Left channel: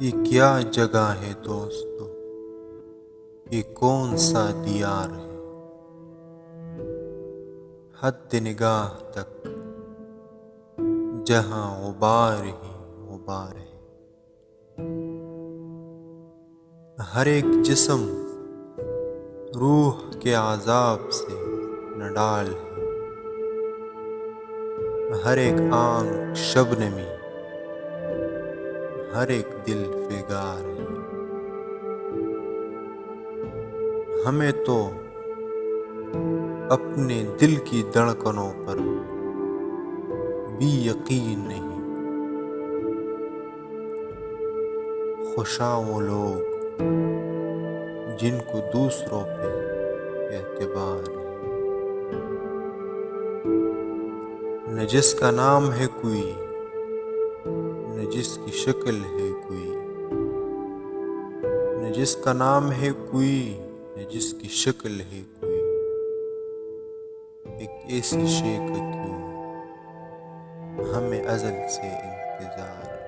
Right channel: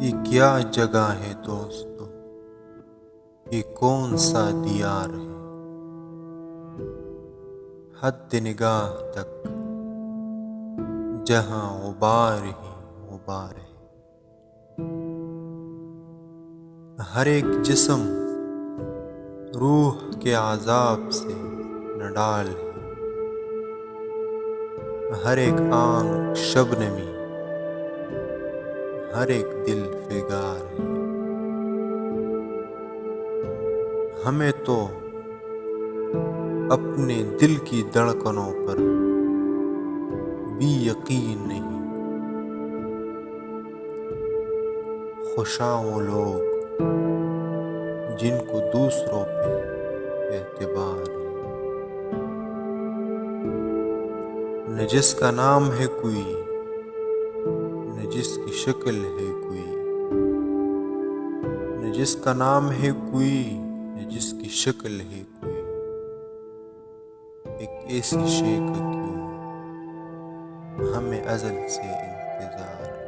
یہ کیا جگہ ہے دوستو، یہ کون سا دیار ہے، حد نگاہ تک جہاں غبار ہی غبار ہے۔ ہر ایک جسم روح کے عذاب سے نڈال ہے، ہر ایک آنکھ شبنمی، ہر ایک دل فگار ہے۔ ہمیں تو اپنے دل کی دھڑکنوں پر بھی یقین نہیں، خوشاں وہ لوگ جن کو دوسروں پہ اعتبار ہے۔ نہ جس کا نام ہے کوئی، نہ جس کی شکل ہے کوئی، نہ جس کا نام ہے کوئی، نہ جس کی شکل ہے کوئی، ایک ایسی شے کا کیوں ہمیں ازل سے انتظار ہے۔